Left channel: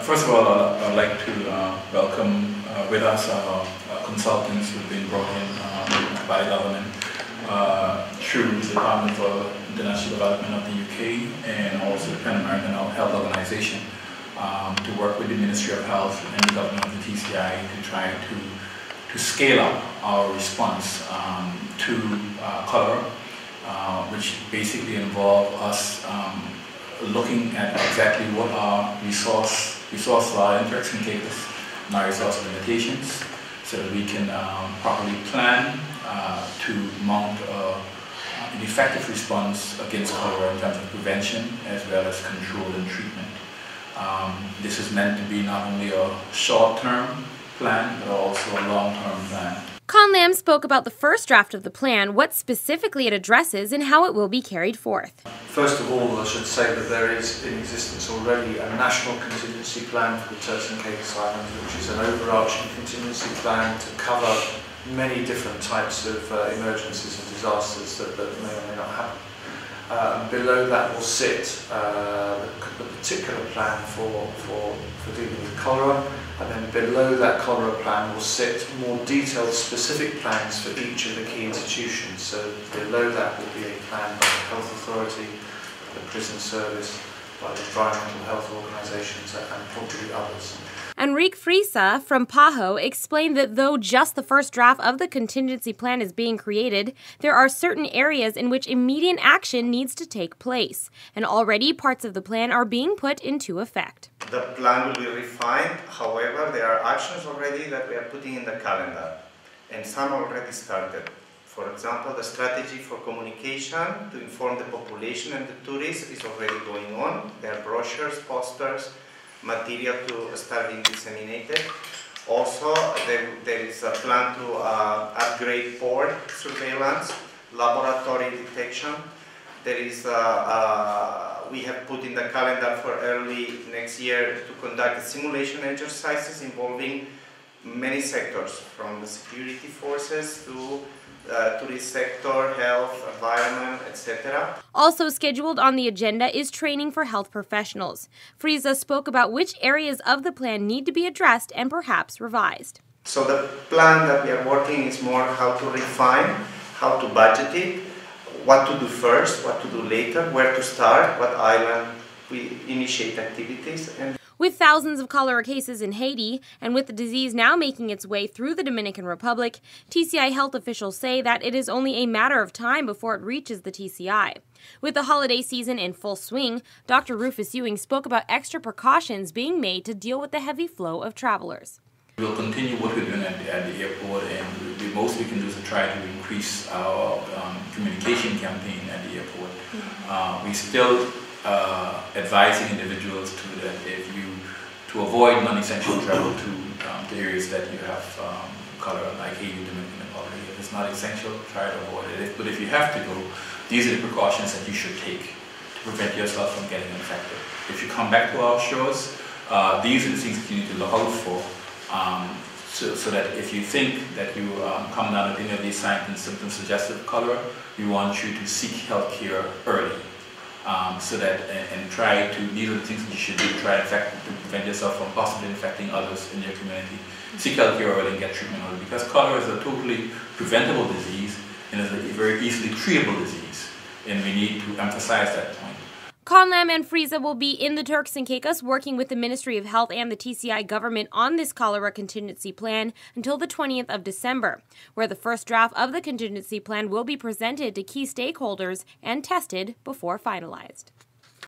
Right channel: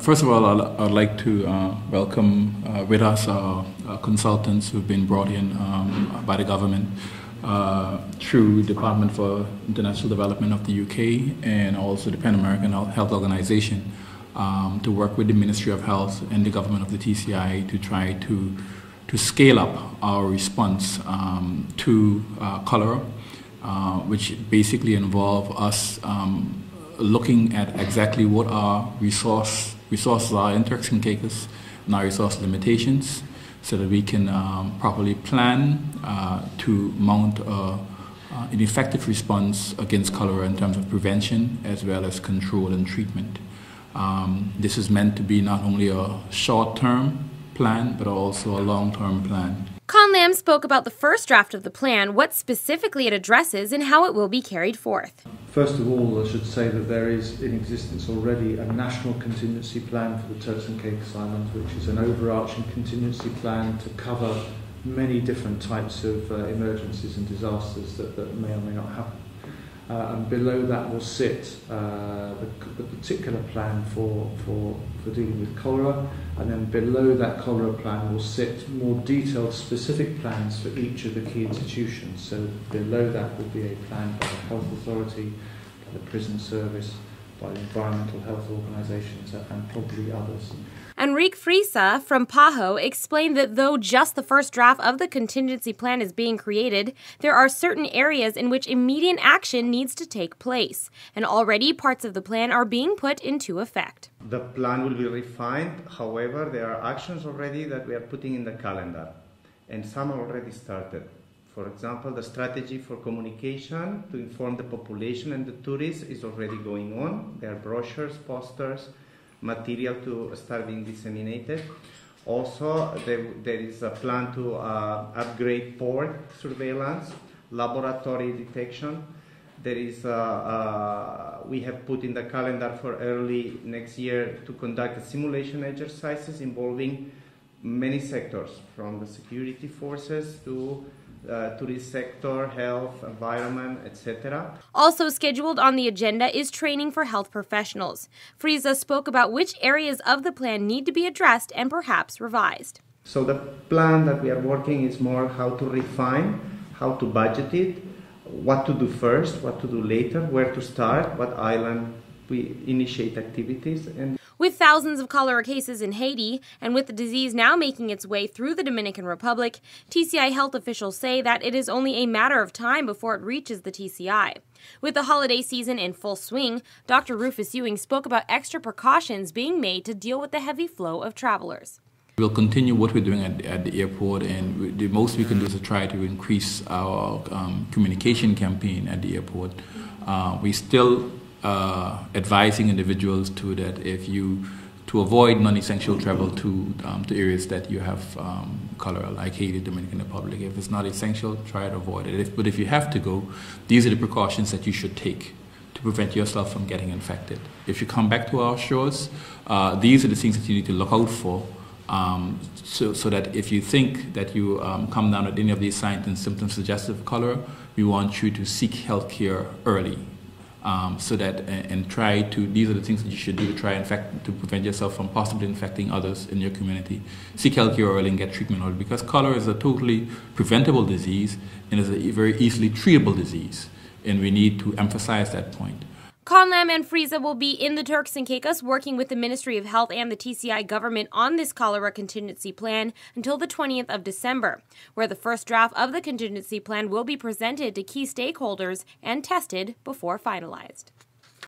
First of all, I'd like to welcome with us our consultants who've been brought in by the government through the Department for International Development of the UK and also the Pan American Health Organization to work with the Ministry of Health and the government of the TCI to try to scale up our response to cholera, which basically involve us looking at exactly what our resources are in Turks and Caicos and our resource limitations, so that we can properly plan to mount an effective response against cholera in terms of prevention as well as control and treatment. This is meant to be not only a short-term plan but also a long-term plan. Lam spoke about the first draft of the plan, what specifically it addresses, and how it will be carried forth. First of all, I should say that there is in existence already a national contingency plan for the Turks and Caicos Islands, which is an overarching contingency plan to cover many different types of emergencies and disasters that may or may not happen. And below that will sit the particular plan for dealing with cholera, and then below that cholera plan will sit more detailed specific plans for each of the key institutions. So below that will be a plan by the Health Authority, the Prison Service, by the environmental health organisations, and probably others. Enrique Frisa from PAHO explained that though just the first draft of the contingency plan is being created, there are certain areas in which immediate action needs to take place, and already parts of the plan are being put into effect. The plan will be refined, however, there are actions already that we are putting in the calendar, and some already started. For example, the strategy for communication to inform the population and the tourists is already going on. There are brochures, posters, material to start being disseminated. Also, there is a plan to upgrade port surveillance, laboratory detection. There is we have put in the calendar for early next year to conduct simulation exercises involving many sectors, from the security forces to tourist sector, health, environment, etc. Also scheduled on the agenda is training for health professionals. Frisa spoke about which areas of the plan need to be addressed and perhaps revised. So the plan that we are working is more how to refine, how to budget it, what to do first, what to do later, where to start, what island we initiate activities. With thousands of cholera cases in Haiti, and with the disease now making its way through the Dominican Republic, TCI health officials say that it is only a matter of time before it reaches the TCI. With the holiday season in full swing, Dr. Rufus Ewing spoke about extra precautions being made to deal with the heavy flow of travelers. We'll continue what we're doing at the airport, and the most we can do is to try to increase our communication campaign at the airport. We still advising individuals to avoid non-essential travel to areas that you have cholera, like Haiti, Dominican Republic. If it's not essential, try to avoid it. But if you have to go, these are the precautions that you should take to prevent yourself from getting infected. If you come back to our shores, these are the things that you need to look out for, so that if you think that you come down with any of these signs and symptoms suggestive of cholera, we want you to seek health care early. So that and try to, these are the things that you should do to try to prevent yourself from possibly infecting others in your community. Seek health care early and get treatment early, because cholera is a totally preventable disease and is a very easily treatable disease, and we need to emphasize that point. Lam and Frisa will be in the Turks and Caicos working with the Ministry of Health and the TCI government on this cholera contingency plan until the 20th of December, where the first draft of the contingency plan will be presented to key stakeholders and tested before finalized.